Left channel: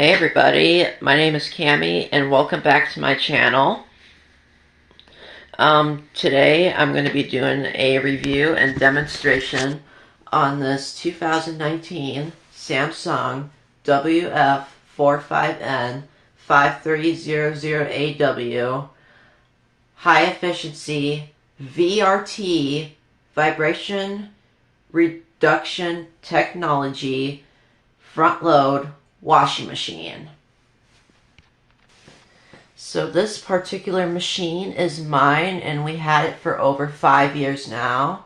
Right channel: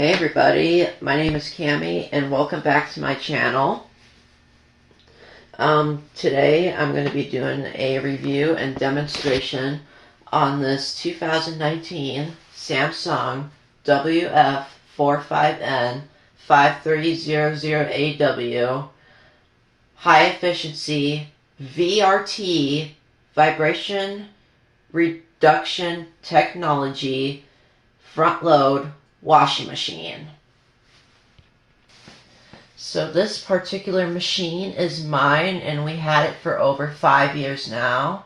Hey everybody, my name is Cammie and welcome back to my channel. Today I'm going to be doing a review and demonstration on this 2019 Samsung WF45N5300AW high efficiency VRT vibration reduction technology front load washing machine. So this particular machine is mine, and we had it for over 5 years now.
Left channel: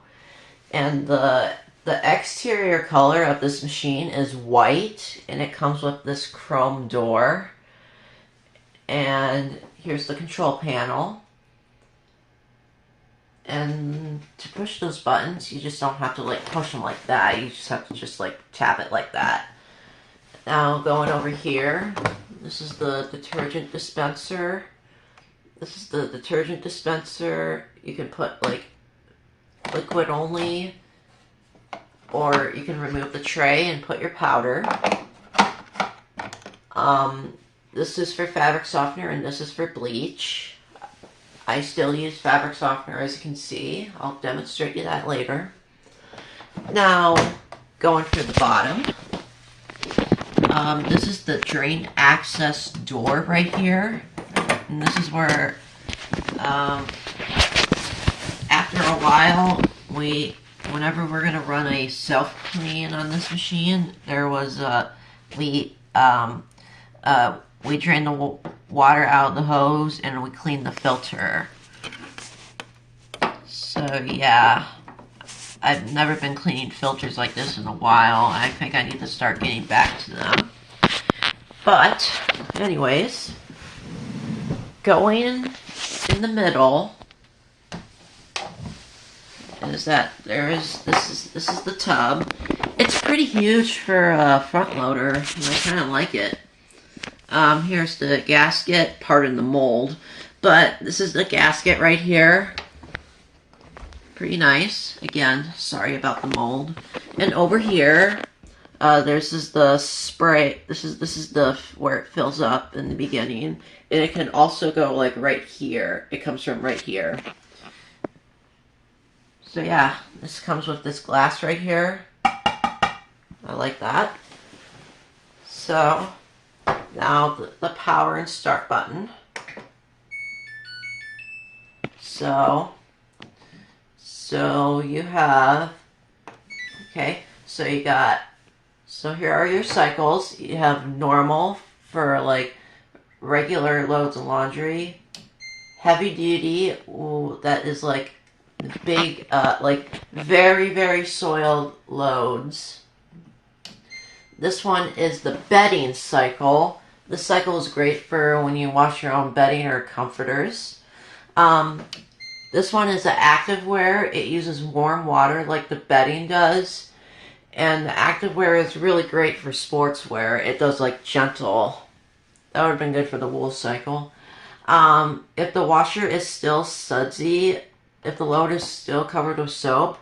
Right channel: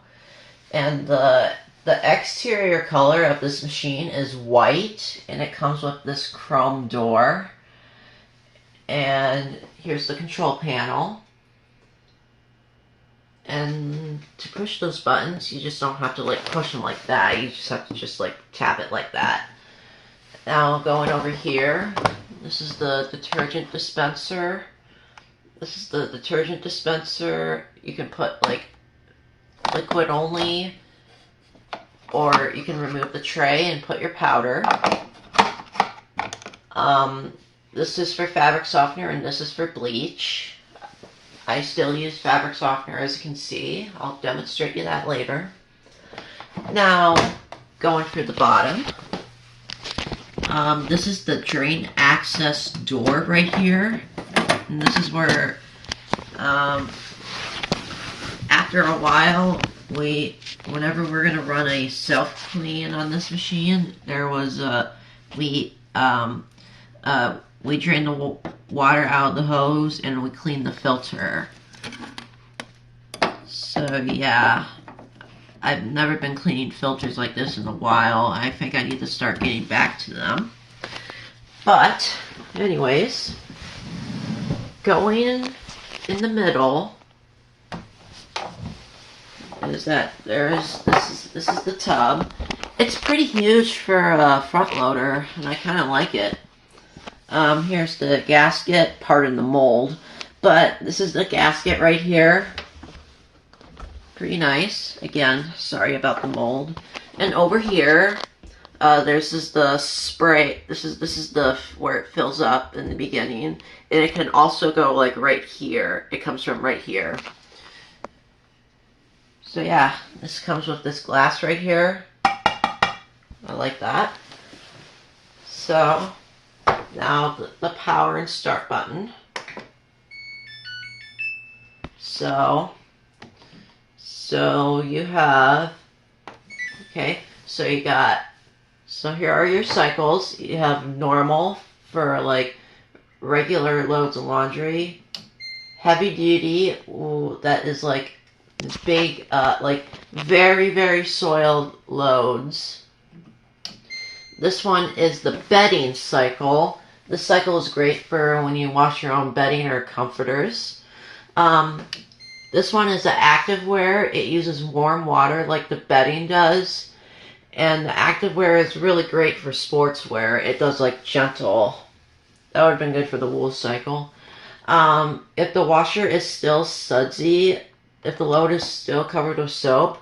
And the exterior color of this machine is white, and it comes with this chrome door. And here's the control panel. And to push those buttons, you just don't have to like push them like that. You just have to just like tap it like that. Now going over here, this is the detergent dispenser. This is the detergent dispenser. You can put like liquid only, or you can remove the tray and put your powder. This is for fabric softener and this is for bleach. I still use fabric softener, as you can see. I'll demonstrate you that later. Now, going through the bottom. This is the drain access door right here. And this is where, after a while, whenever we're going to run a self-clean on this machine, there was, we drain the water out of the hose and we clean the filter. So, yeah. I've never been cleaning filters like this in a while. I think I need to start getting back to them. But, anyways, going in the middle is that this is the tub. It's pretty huge for a front loader, and I kind of like it. Here's the gasket, pardon the mold, but this is the gasket right here. Pretty nice. Again, sorry about the mold. And over here, this is the spray. This is the where it fills up in the beginning, and it can also go like right here. It comes from right here. So yeah, this comes with this glass right here. I like that. So now the power and start button. So you have, okay, so here are your cycles. You have normal for like regular loads of laundry, heavy duty, ooh, that is like big, like very, very soiled loads. This one is the bedding cycle. This cycle is great for when you wash your own bedding or comforters. This one is the activewear. It uses warm water like the bedding does. And the activewear is really great for sportswear. It does like gentle. That would have been good for the wool cycle. If the washer is still sudsy, if the load is still covered with soap,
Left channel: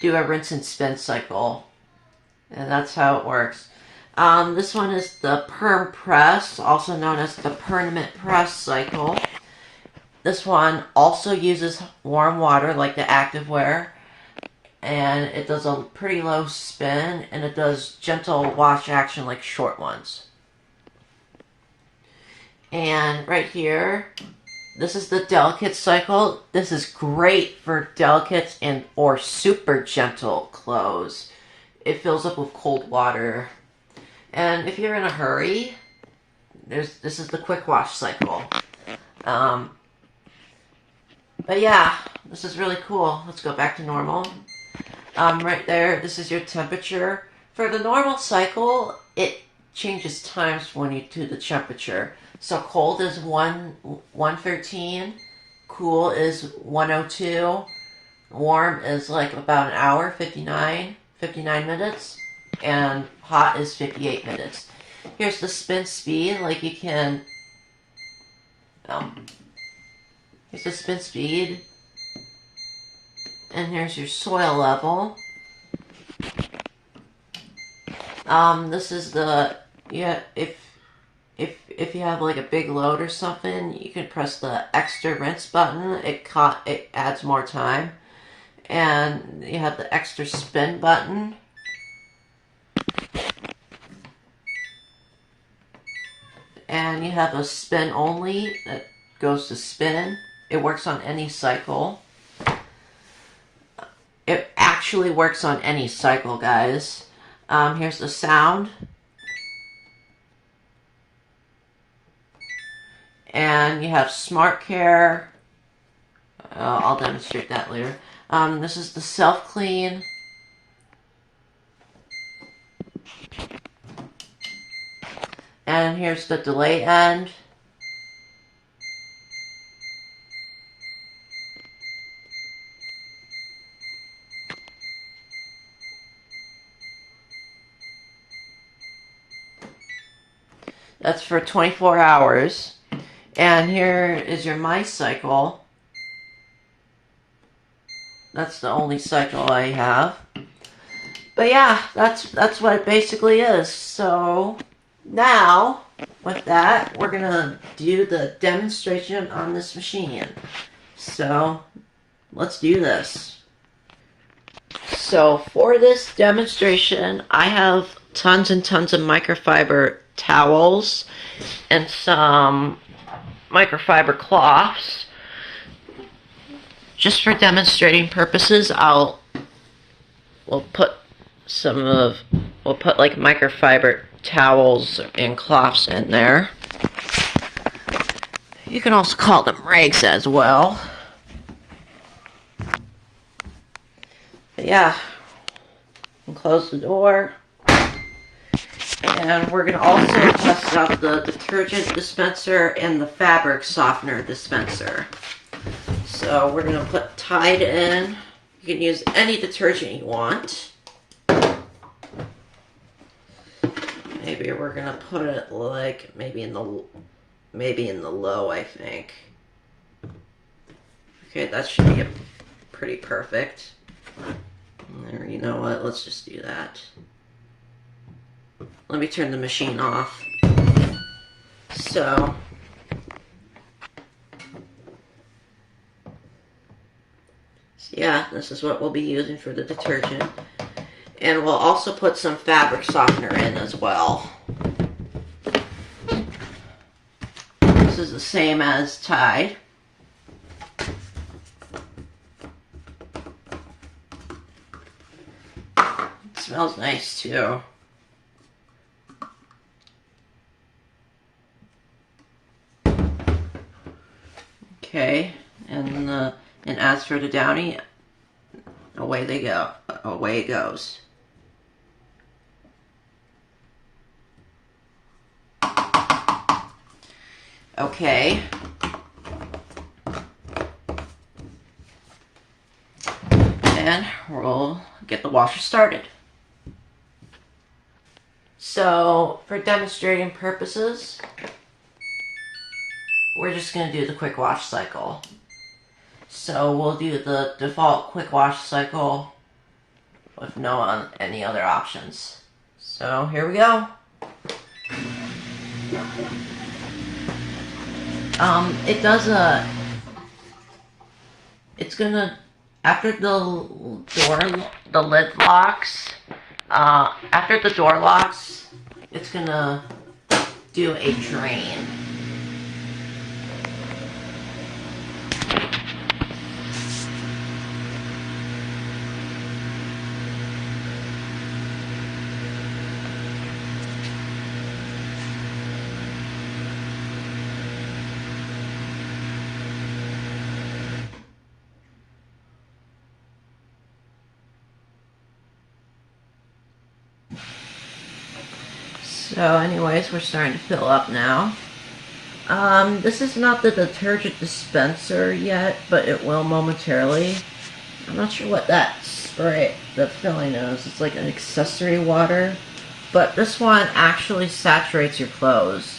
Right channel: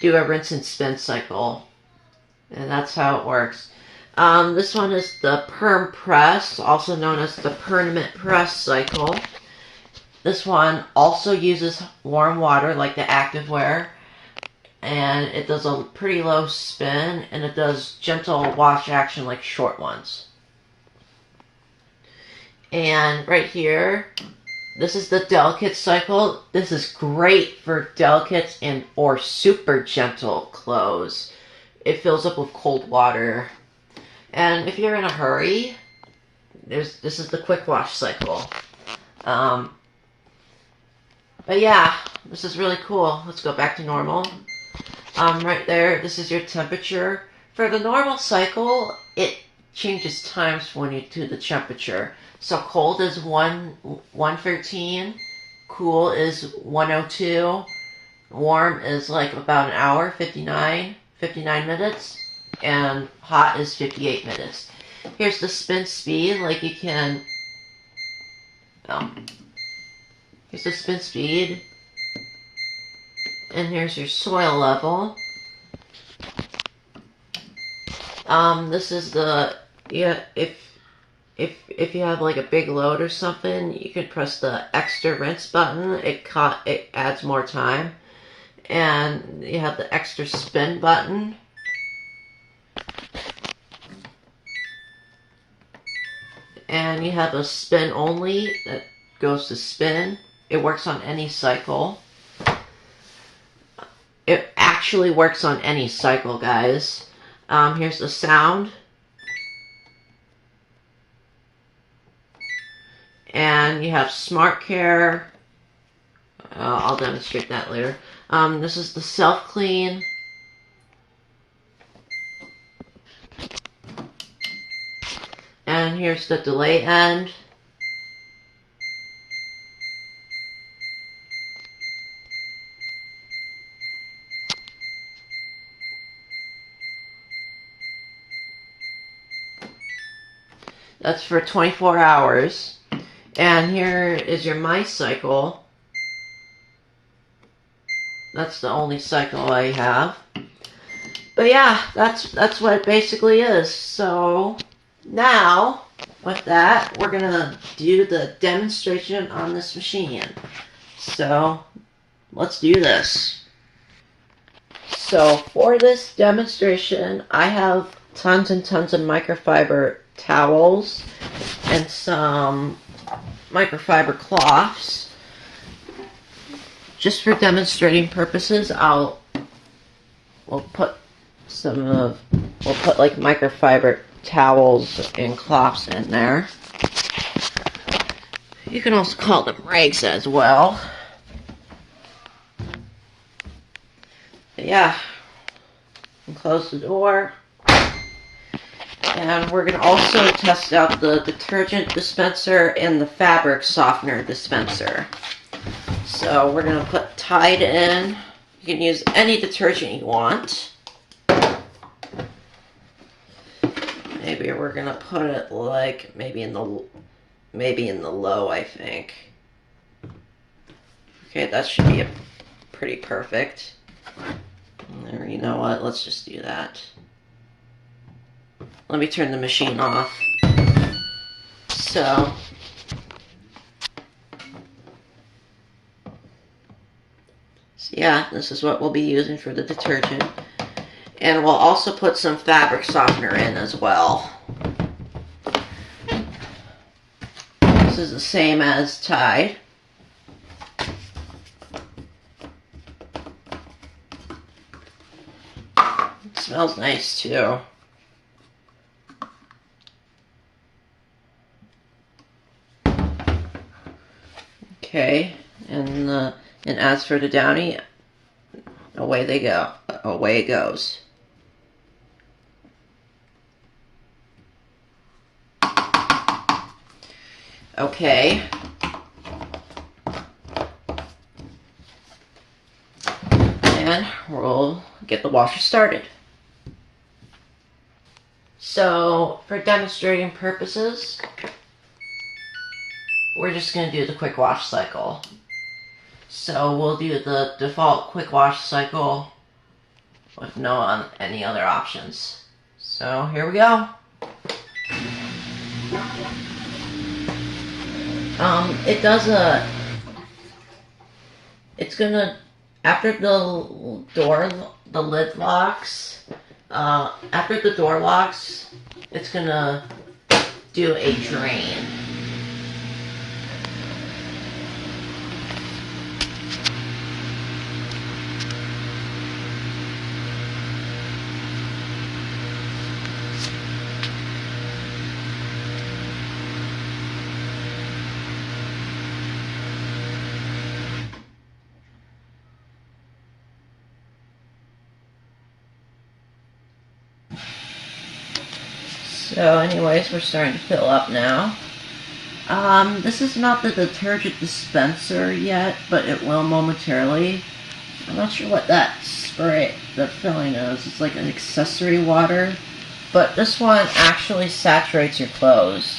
do a rinse and spin cycle. And that's how it works. This one is the perm press, also known as the permanent press cycle. This one also uses warm water like the activewear, and it does a pretty low spin, and it does gentle wash action like short ones. And right here, this is the delicate cycle. This is great for delicates and or super gentle clothes. It fills up with cold water. And if you're in a hurry, this is the quick wash cycle. But yeah, this is really cool. Let's go back to normal. Right there, this is your temperature. For the normal cycle, it changes times when you do the temperature. So cold is 113, cool is 102, warm is like about an hour, 59 minutes, and hot is 58 minutes. Here's the spin speed, like you can, here's the spin speed, and here's your soil level. This is the, if if you have like a big load or something, you can press the extra rinse button. It adds more time. And you have the extra spin button. And you have a spin only that goes to spin. It works on any cycle. It actually works on any cycle, guys. Here's the sound. And you have Smart Care. I'll demonstrate that later. This is the self clean. And here's the delay end. That's for 24 hours. And here is your My Cycle. That's the only cycle I have. But yeah, that's what it basically is. So now, with that, we're gonna do the demonstration on this machine. So let's do this. So for this demonstration, I have tons and tons of microfiber towels and some microfiber cloths. Just for demonstrating purposes, we'll put like microfiber towels and cloths in there. You can also call them rags as well. But yeah, and close the door. And we're going to also test out the detergent dispenser and the fabric softener dispenser. So we're going to put Tide in. You can use any detergent you want. Maybe we're going to put it like maybe in the low, I think. Okay, that should be pretty perfect. There, you know what? Let's just do that. Let me turn the machine off. So yeah, this is what we'll be using for the detergent. And we'll also put some fabric softener in as well. This is the same as Tide. It smells nice too. Okay, and as for the Downy, away they go. Away it goes. Okay. And we'll get the washer started. So, for demonstrating purposes, we're just going to do the quick wash cycle. So we'll do the default quick wash cycle with no any other options. So here we go. It's gonna, after the lid locks, after the door locks, it's gonna do a drain. So anyways, we're starting to fill up now. This is not the detergent dispenser yet, but it will momentarily. I'm not sure what that spray, the filling is. It's like an accessory water, but this one actually saturates your clothes.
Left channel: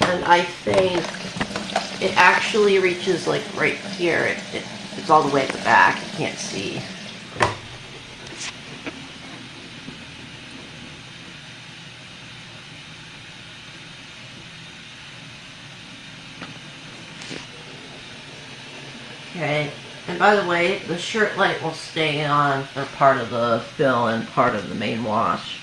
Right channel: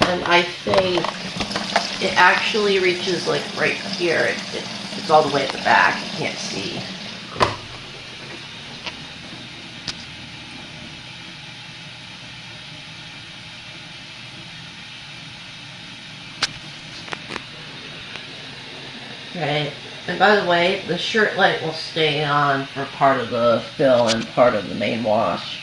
And I think it actually reaches like right here. It's all the way at the back. You can't see. Okay, and by the way, the shirt light will stay on for part of the fill and part of the main wash.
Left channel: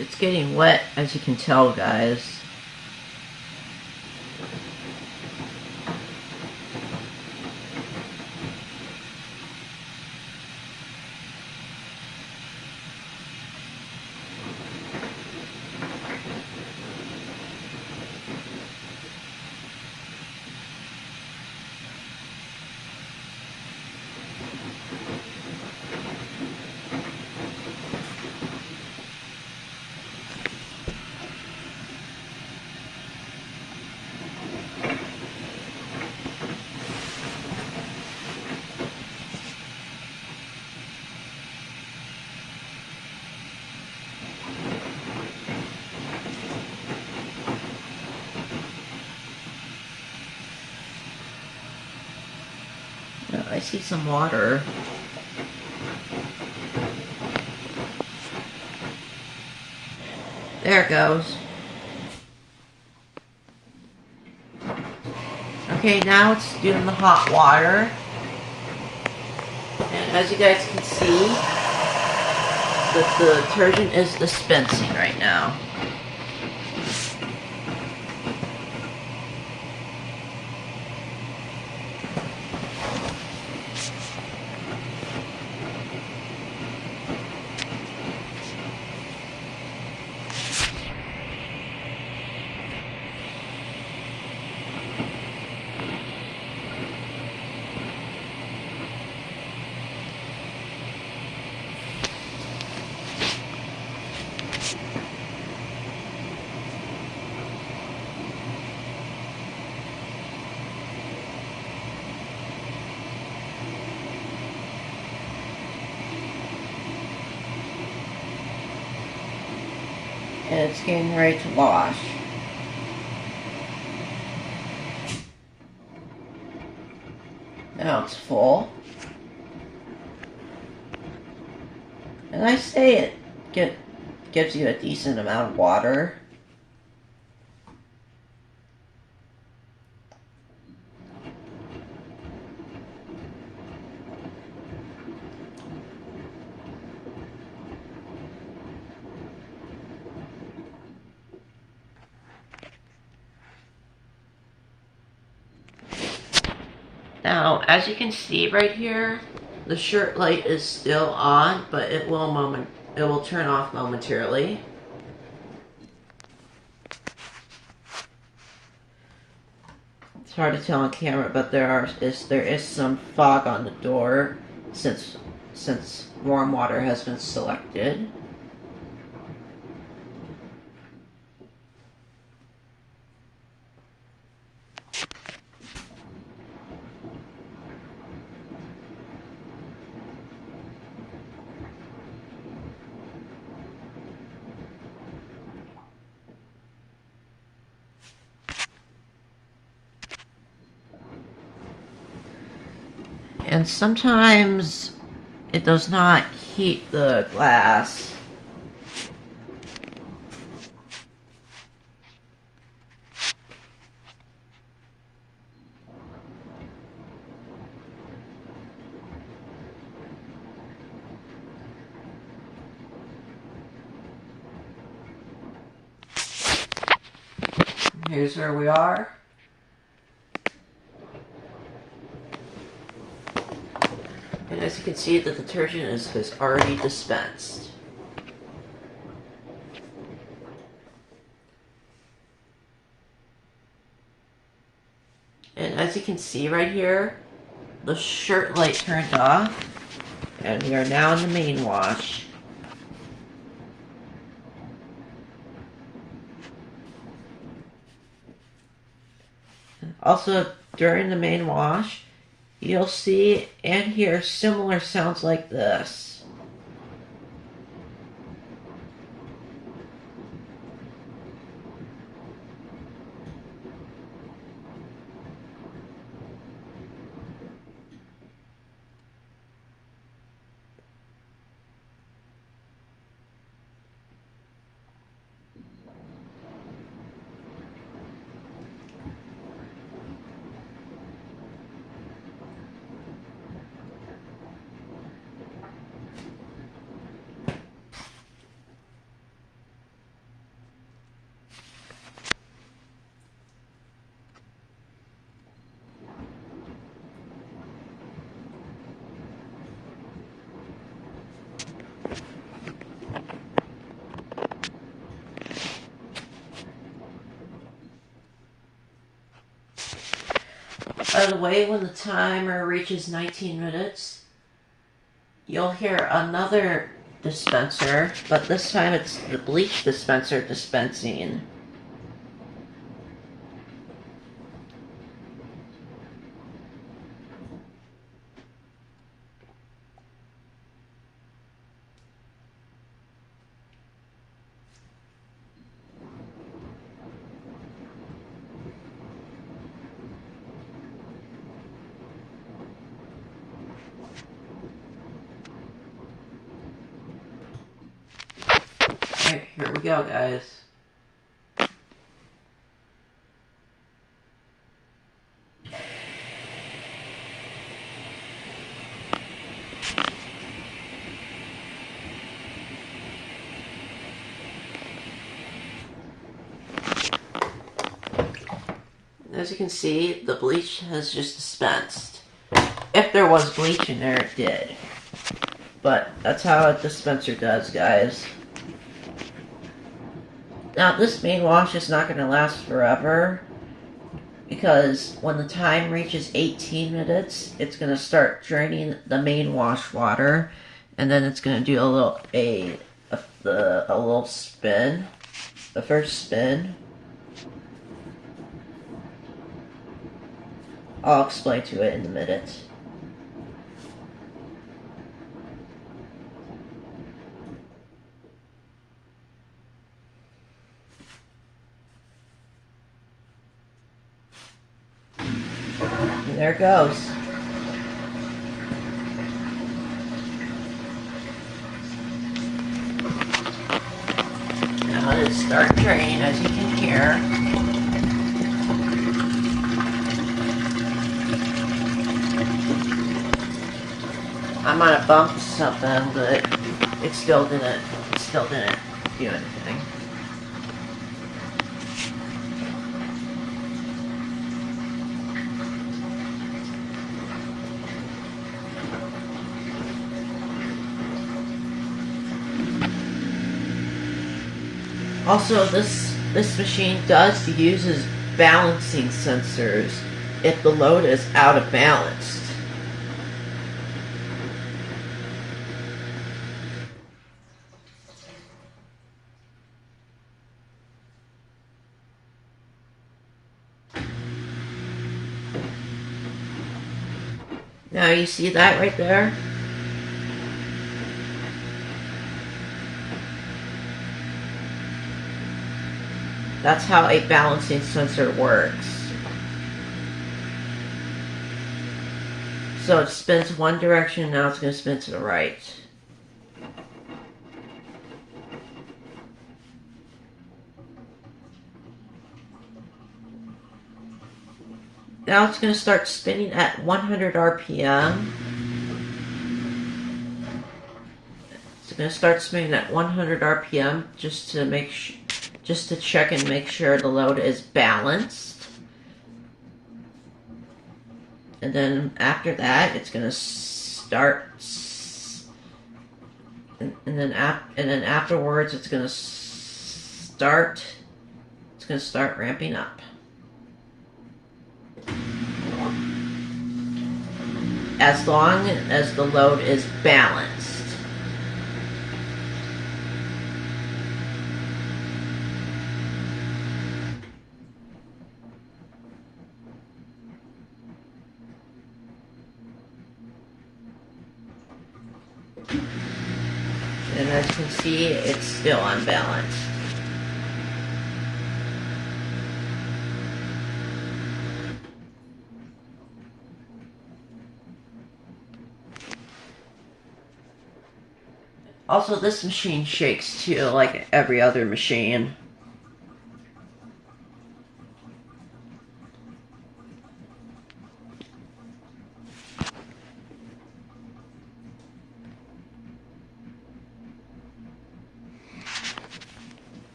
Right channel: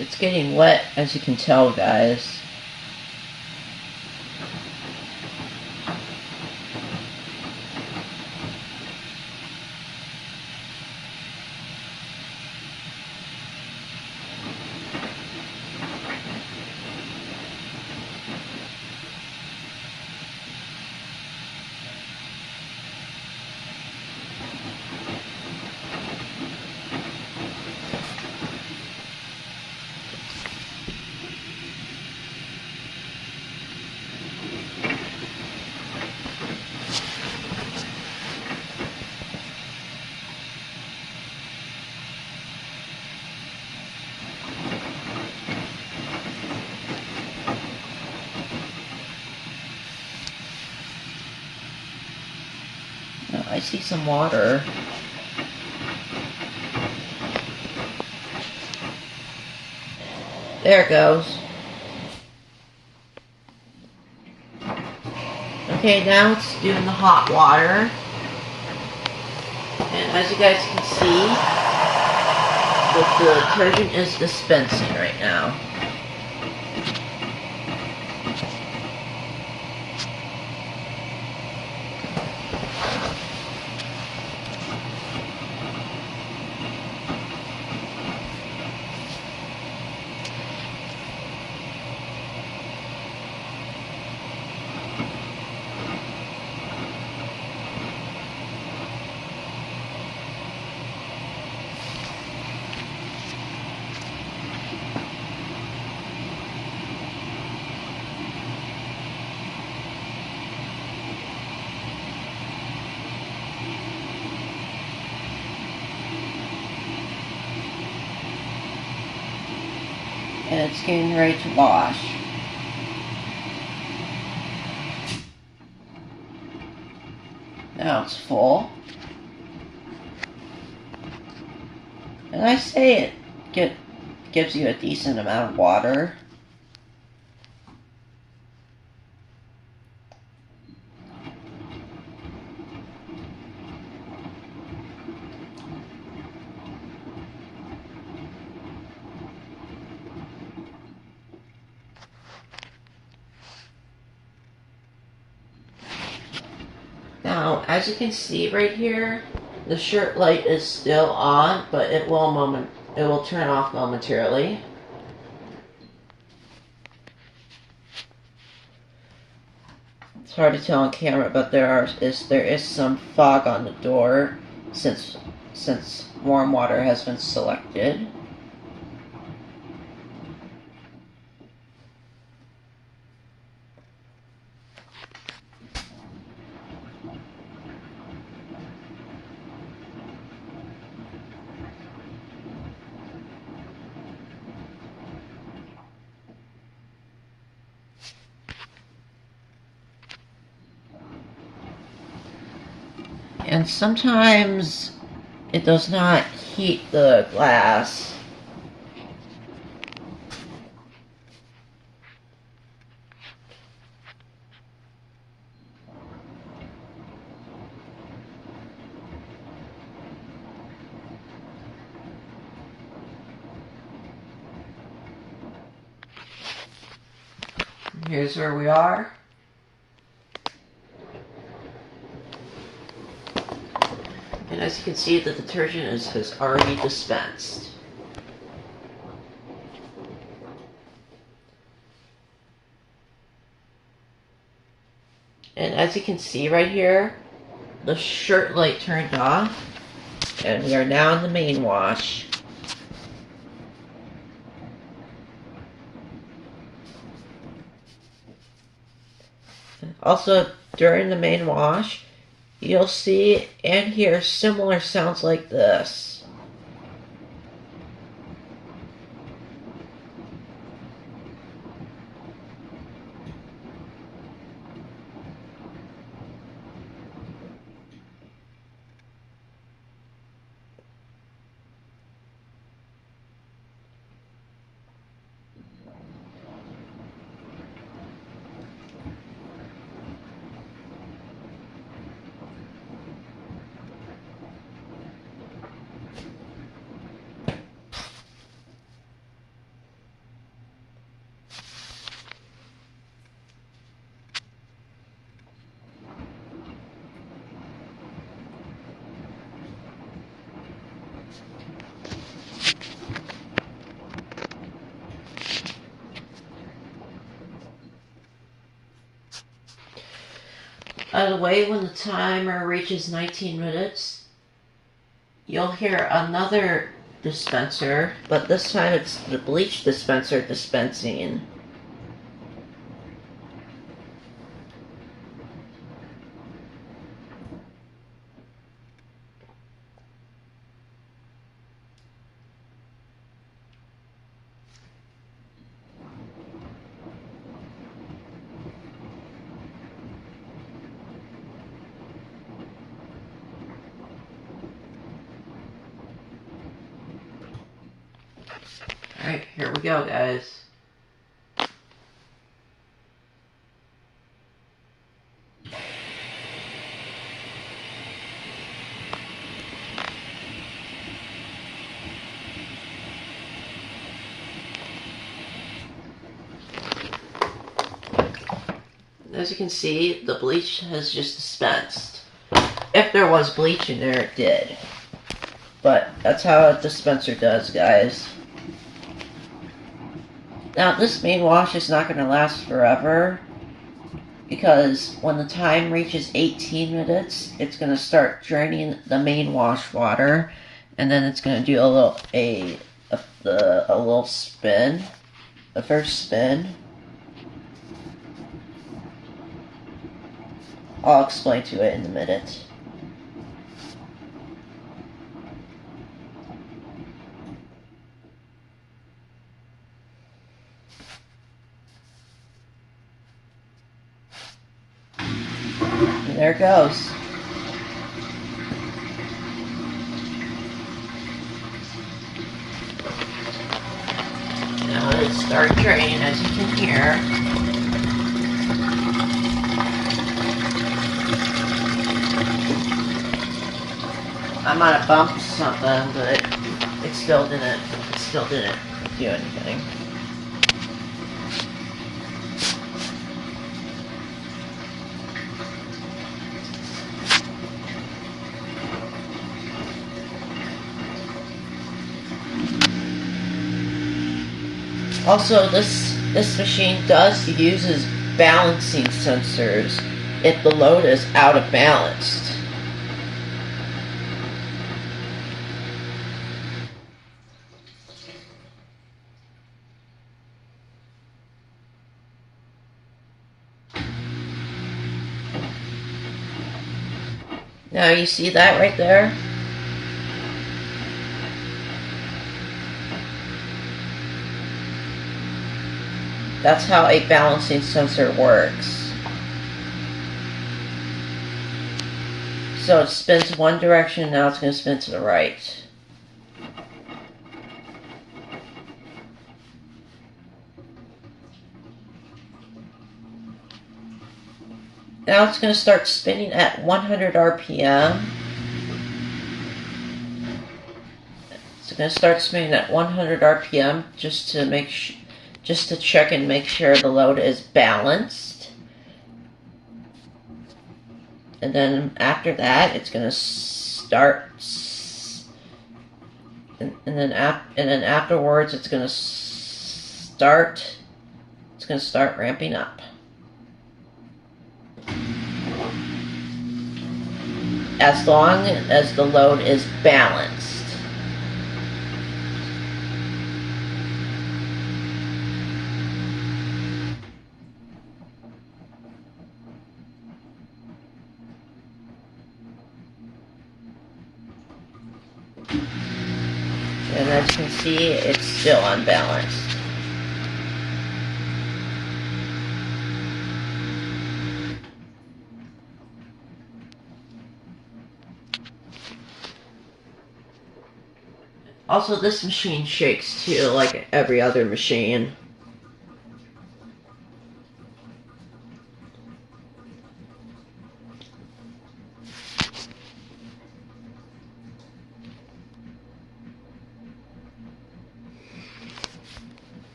It's getting wet, as you can tell, guys. I see some water. There it goes. Okay, now it's doing the hot water. And as you guys can see, the detergent is dispensing right now. And it's getting ready to wash. Now it's full. And I say it gives you a decent amount of water. Now, as you can see right here, the shirt light is still on, but it will turn off momentarily. It's hard to tell on camera, but there is some fog on the door since warm water has been selected. And sometimes it does not heat the glass. Here's where we are. And as you can see, the detergent has already dispensed. And as you can see right here, the shirt light turned off. And we are now in the main wash. Also, during the main wash, you'll see and hear similar sounds like this. By the way, when the timer reaches 19 minutes, you'll hear another dispenser, but this time it's the bleach dispenser dispensing. Alright, here we go, guys. As you can see, the bleach has just dispensed. If there was bleach in there, it did. But that's how a dispenser does, guys. Now, this main wash is not going to last forever, because when the time reaches 18 minutes, it's going to start draining the main wash water, and then it's going to do a little spin, the first spin. I'll explain to it in a minute. And there it goes. Now let it start draining, as you can hear. I might have bumped something, but it still didn't do anything. Also, this machine uses balancing sensors if the load is out of balance. Now you see that right there? That's how a balancing sensor works. So it spins one direction, now it's going to spin to the right. Now it's going to start spinning at 100 RPM. It's going to start spinning at 100 RPM just to check and make sure the load is balanced. And then after that, it's going to start, and then afterwards, it's going to start ramping up. As long as the load is balanced. And as you can see, it's still unbalanced. Also, this machine shakes too, like every other machine.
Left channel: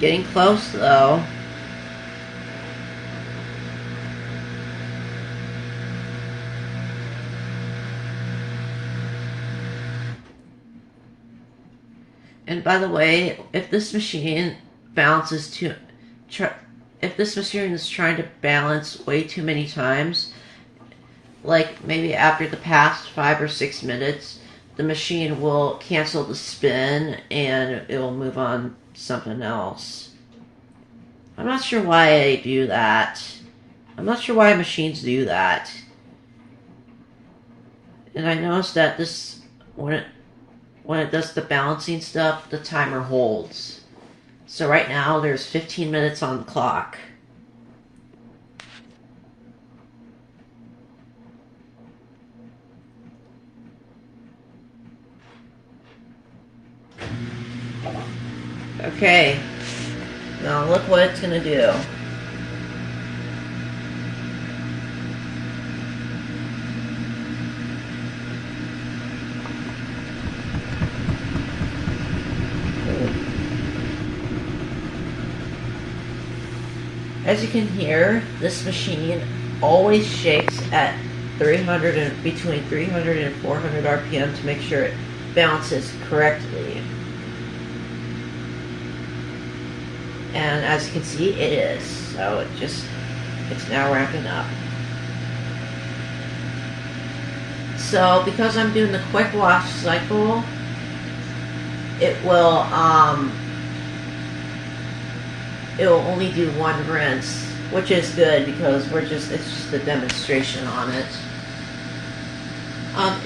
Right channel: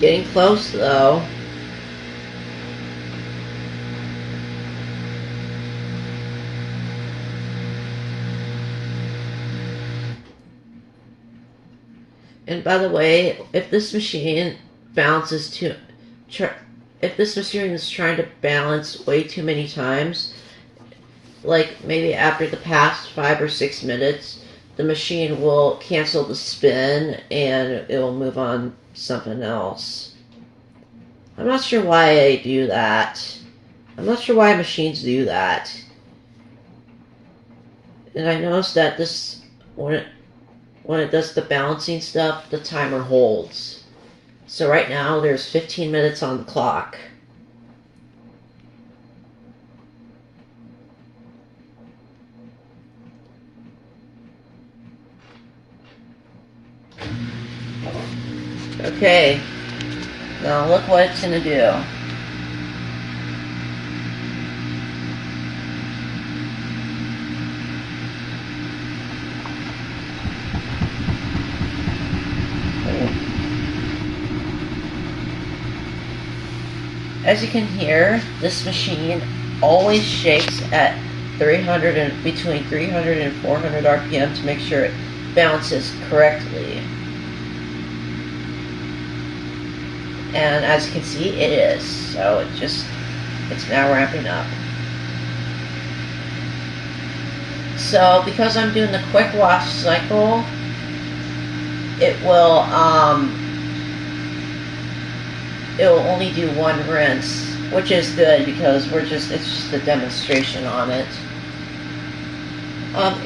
Getting close though. And by the way, if this machine bounces if this machine is trying to balance way too many times, like maybe after the past 5 or 6 minutes, the machine will cancel the spin and it will move on to something else. I'm not sure why they do that. I'm not sure why machines do that. And I noticed that this, when it does the balancing stuff, the timer holds. So right now there's 15 minutes on the clock. Okay, now look what it's going to do. As you can hear, this machine always shakes at between 300 and 400 RPM to make sure it balances correctly. And as you can see, it is. So it's now ramping up. So because I'm doing the quick wash cycle, it will only do one rinse, which is good because it's just a demonstration on it.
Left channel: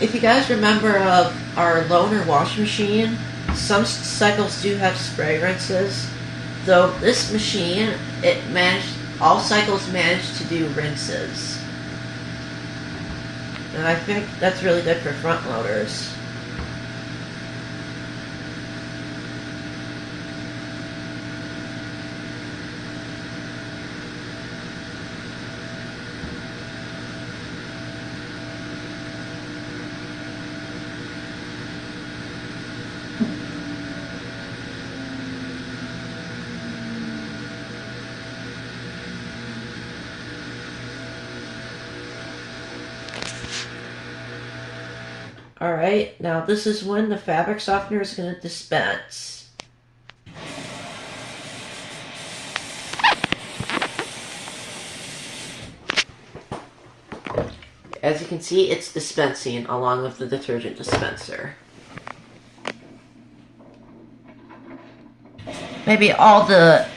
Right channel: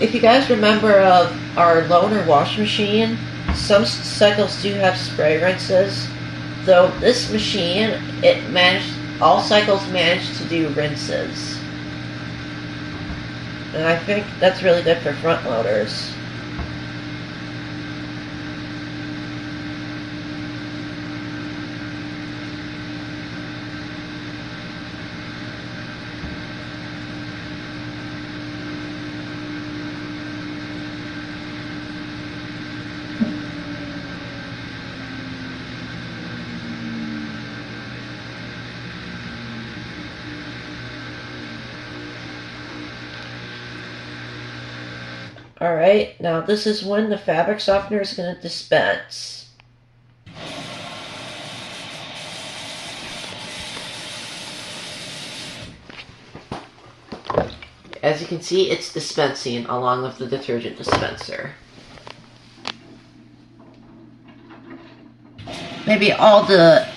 If you guys remember of our loaner washing machine, some cycles do have spray rinses. Though this machine, all cycles managed to do rinses. And I think that's really good for front loaders. Alright, now this is when the fabric softener is going to dispense. As you can see, it's dispensing along with the detergent dispenser. Maybe all the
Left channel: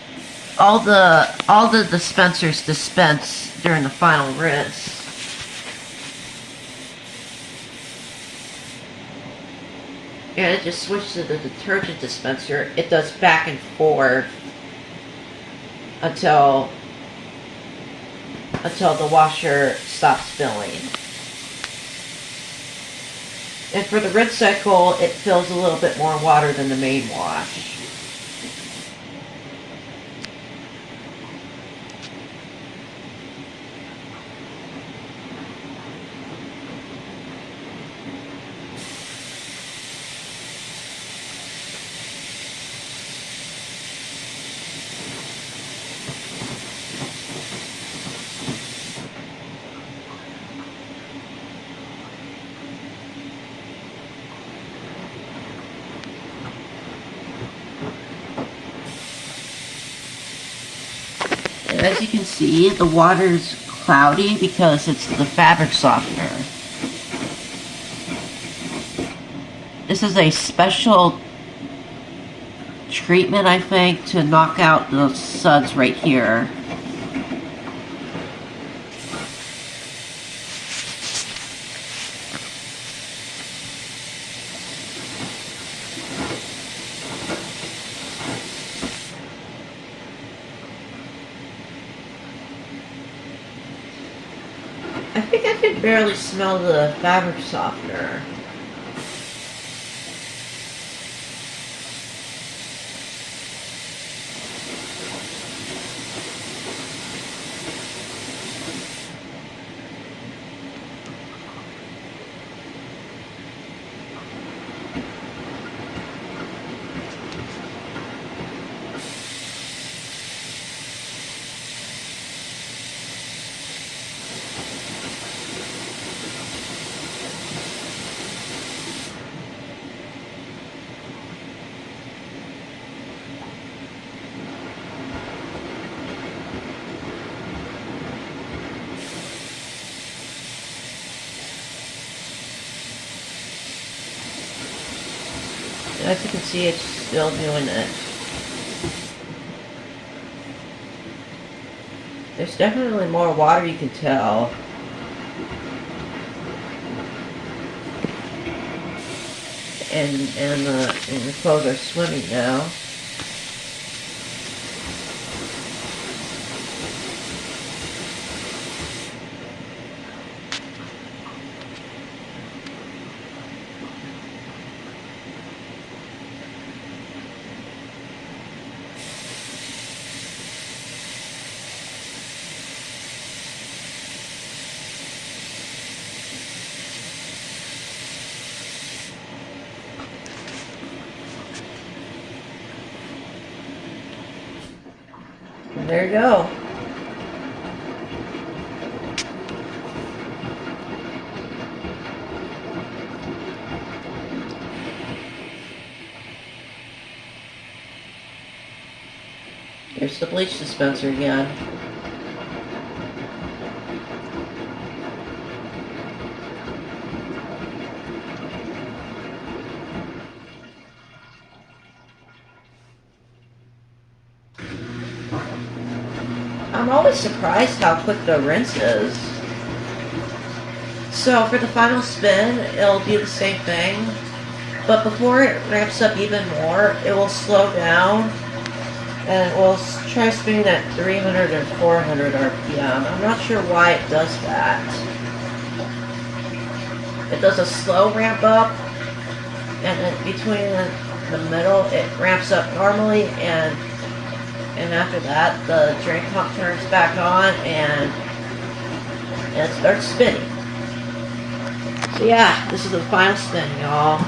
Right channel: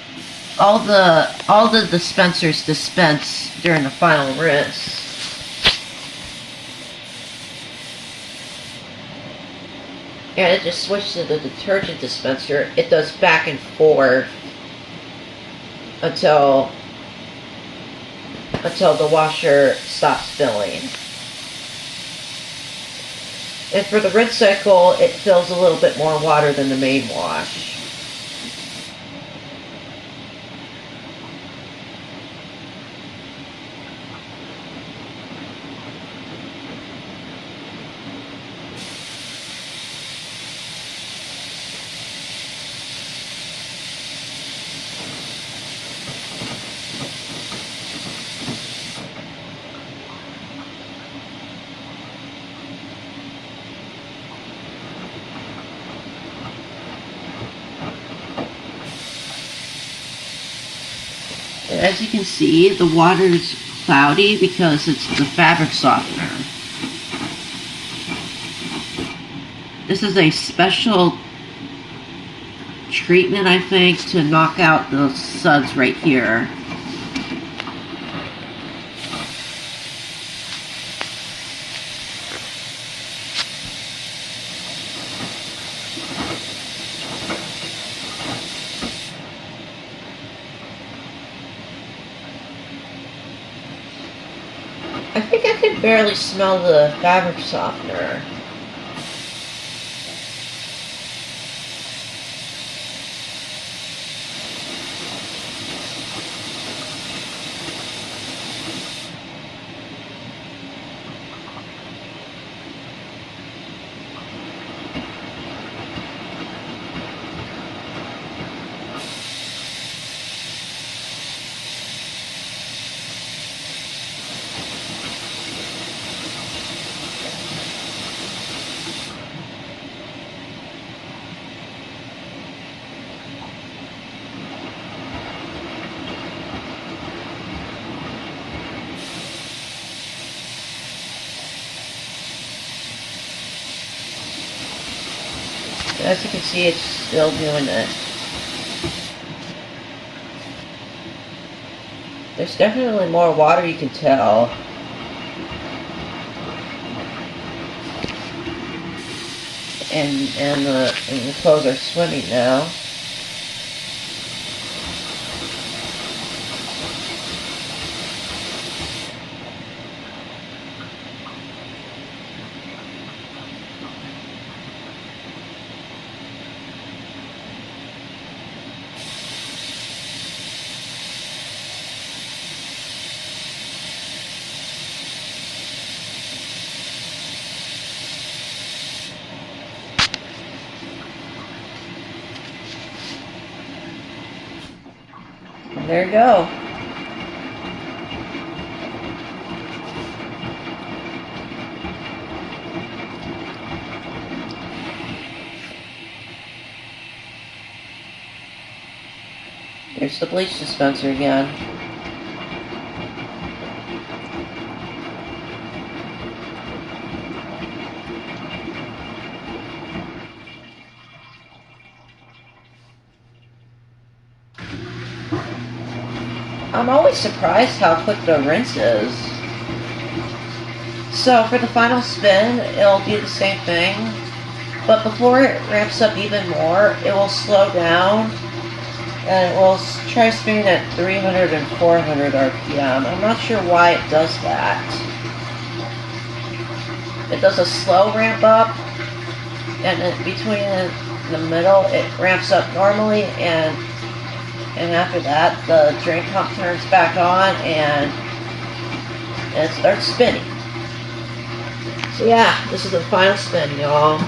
dispensers dispense during the final rinse. And it just switches to the detergent dispenser. It does back and forth until the washer stops filling. And for the rinse cycle, it fills a little bit more water than the main wash. As you can see, the water's cloudy because it's the fabric softener. This is a special treatment, I think, to knock out the suds right here. I think I can barely smell the fabric softener. As you can see, it's still doing it. There's definitely more water, you can tell. And the clothes are swimming now. And there you go. There's the bleach dispenser again. I'm always surprised how quick the rinse is. So for the final spin, it'll be the same thing, but before it ramps up even more, it will slow down and it will try spinning at 300 and 400 RPM. I'm not sure why it does that. It does a slow ramp up, and then between the middle, it ramps up normally, and after that, the drain pump turns back on, and it starts spinning. So yeah, this is the final spin, y'all.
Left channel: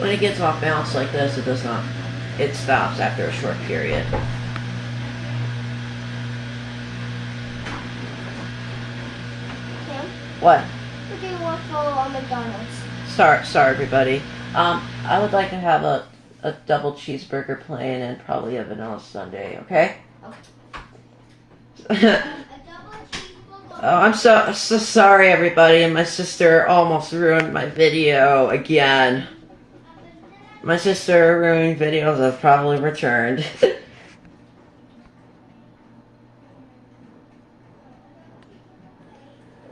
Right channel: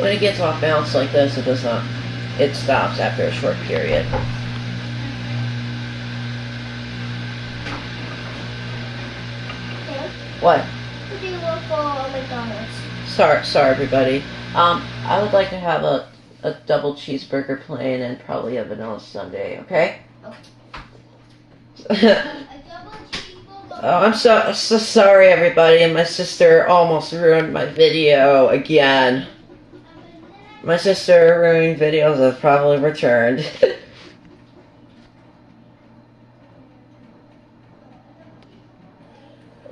When it gets off balance like this, it stops after a short period. Okay. What? What do you want for McDonald's? Sorry everybody. I would like to have a double cheeseburger plain and probably a vanilla sundae, okay? Okay. Oh, I'm so sorry everybody, and my sister almost ruined my video again. My sister ruined videos have probably returned.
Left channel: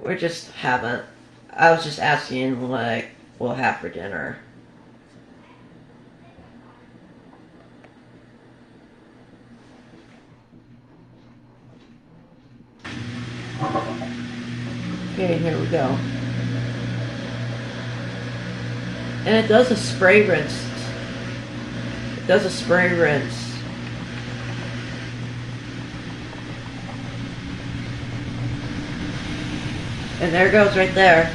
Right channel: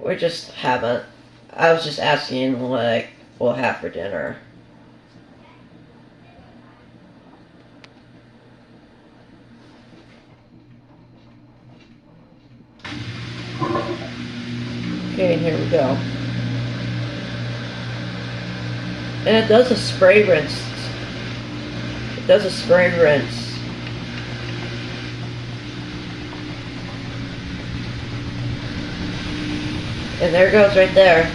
We just haven't. I was just asking what we'll have for dinner. Okay, here we go. And it does a spray rinse. It does a spray rinse. And there it goes right there.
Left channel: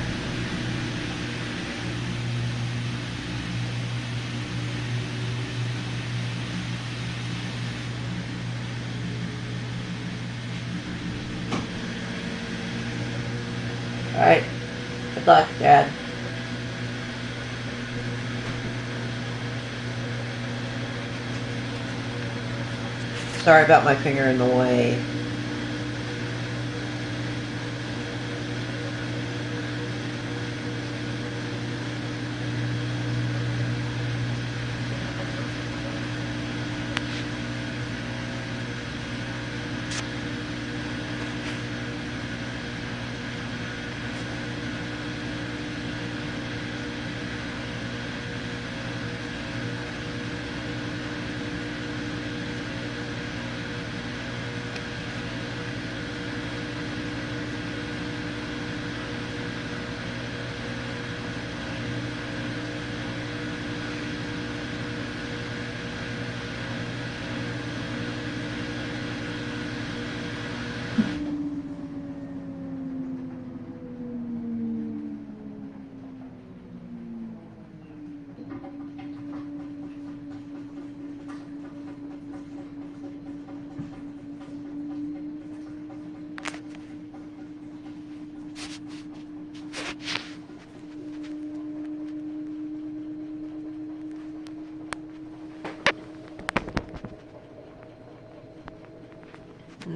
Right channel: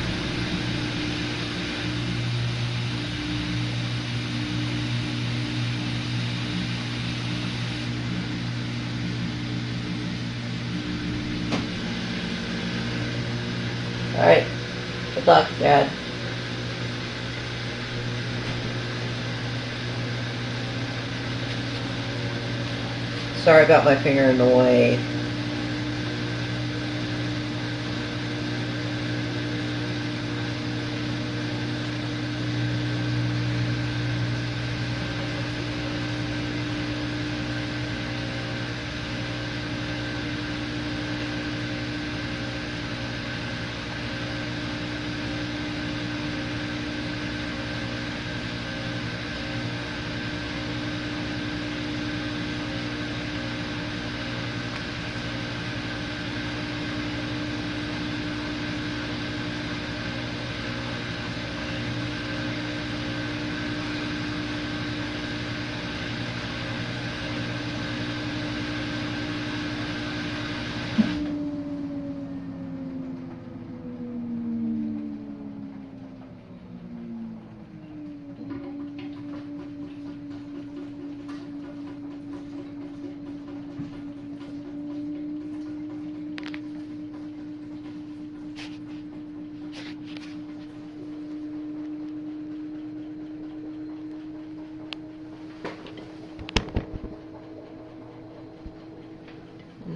Alright. Good luck, Dad. Sorry about my finger in the way.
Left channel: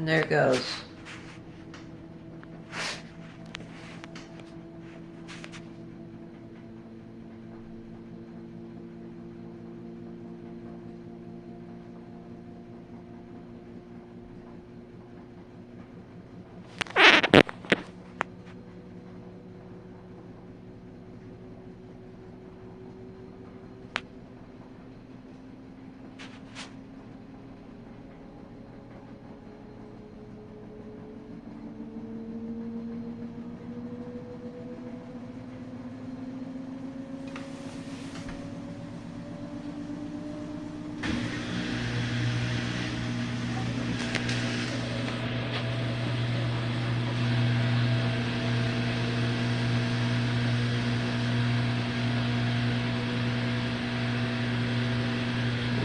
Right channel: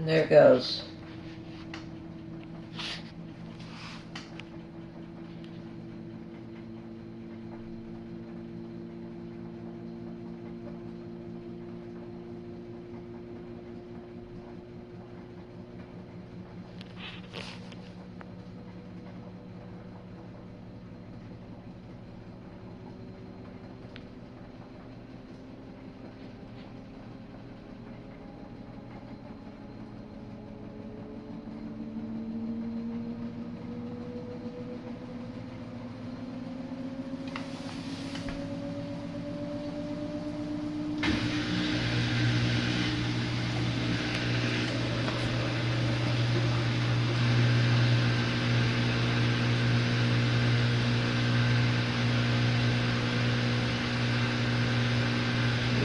And there it goes.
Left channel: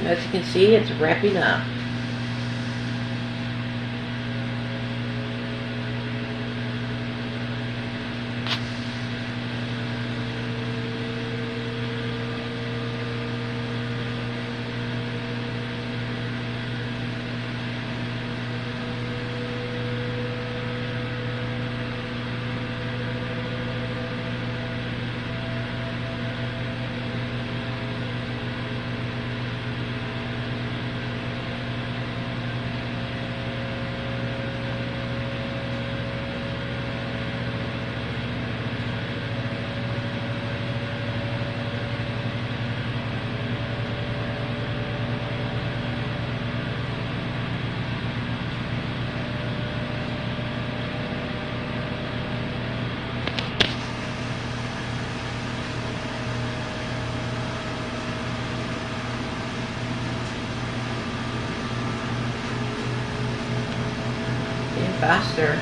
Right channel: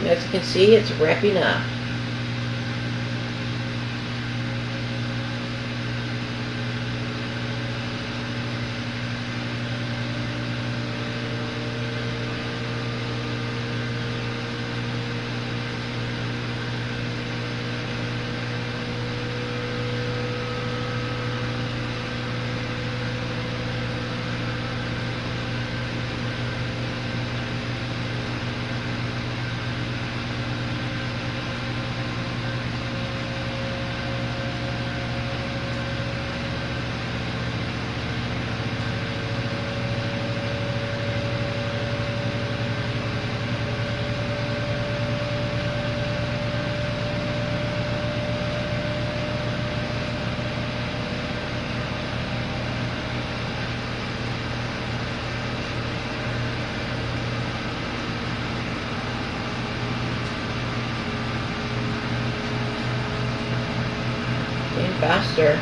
As you can see, it's wrapping up. Faster.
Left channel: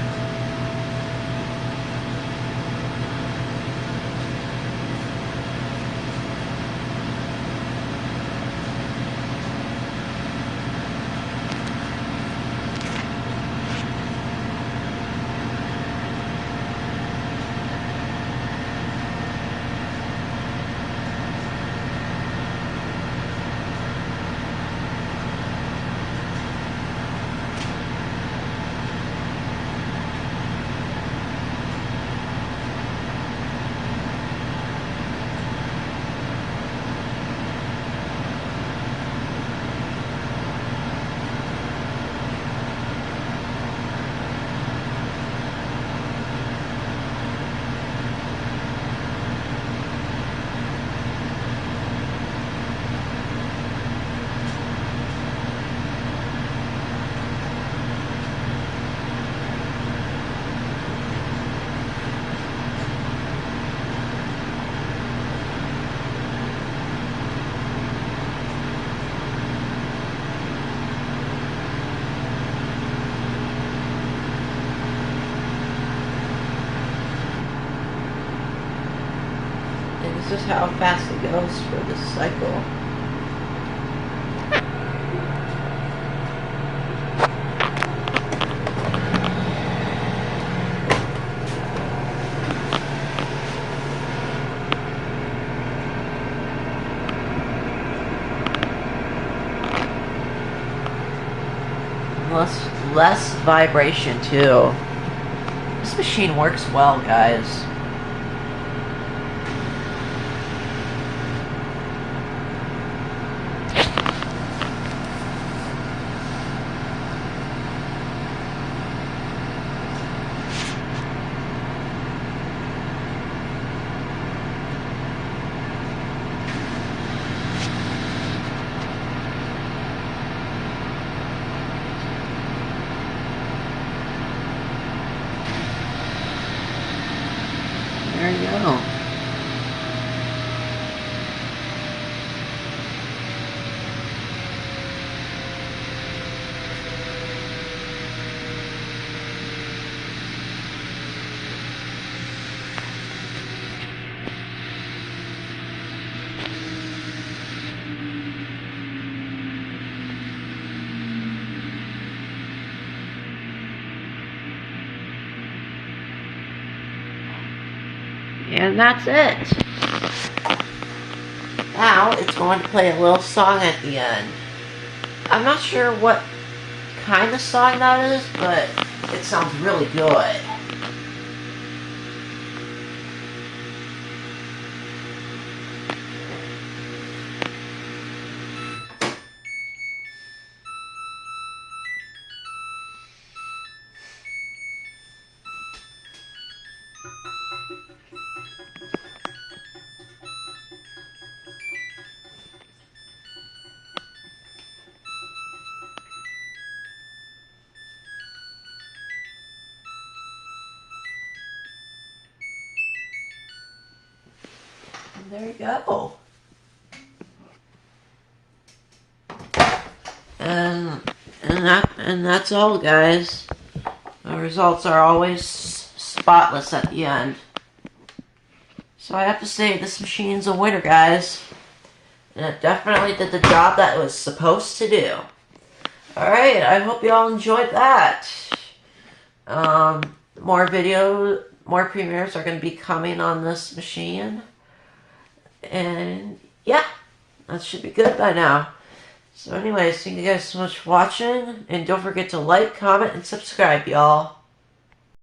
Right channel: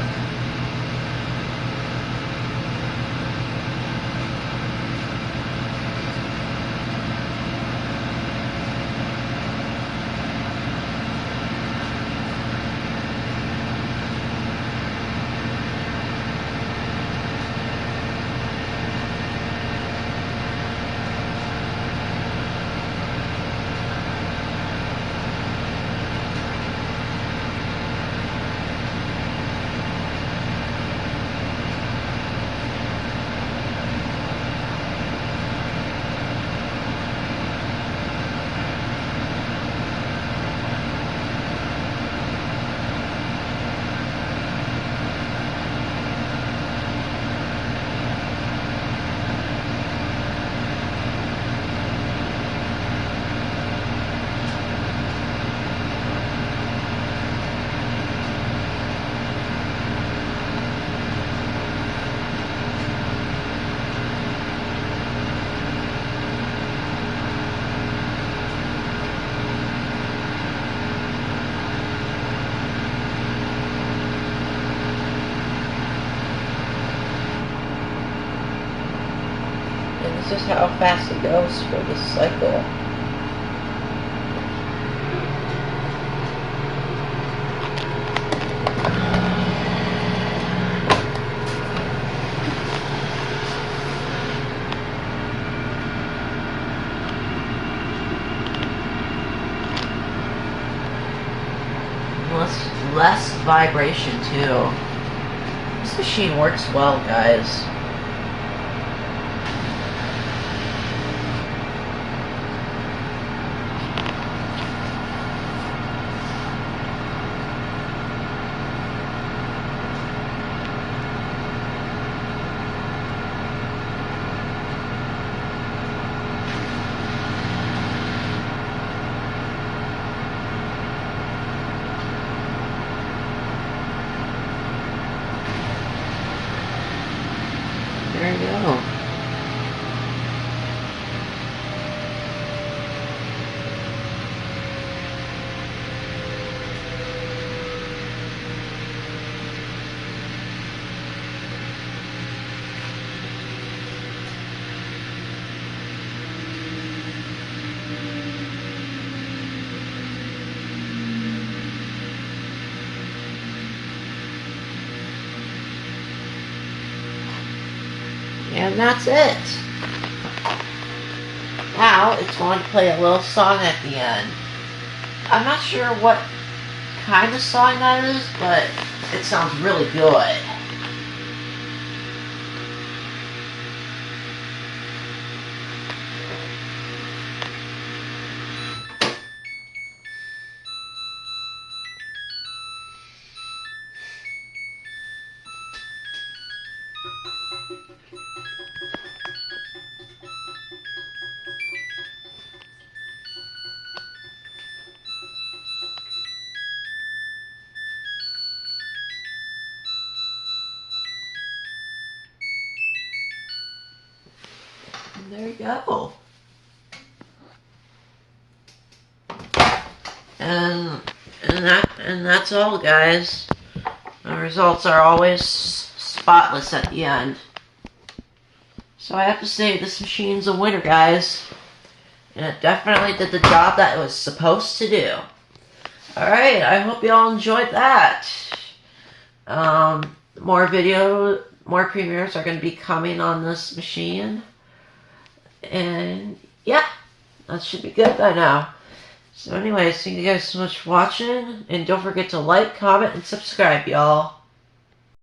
This is how fast it goes for this cycle. Less vibration too. This machine works well, guys. There you go. And that's it. Now it's going to play a little song at the end. I'm not sure what kind of song that is, but it sounds really good. There you go. And that's all, guys. The results are always spotless at the end. So I have to say, this machine's a winner, guys. And it definitely did the job that it was supposed to do. Alright, I hope you all enjoyed that. More premieres are going to be coming on this machine. And yeah, that should be good by now. So anyways, thank you guys so much for watching. And don't forget to like, comment, and subscribe, y'all.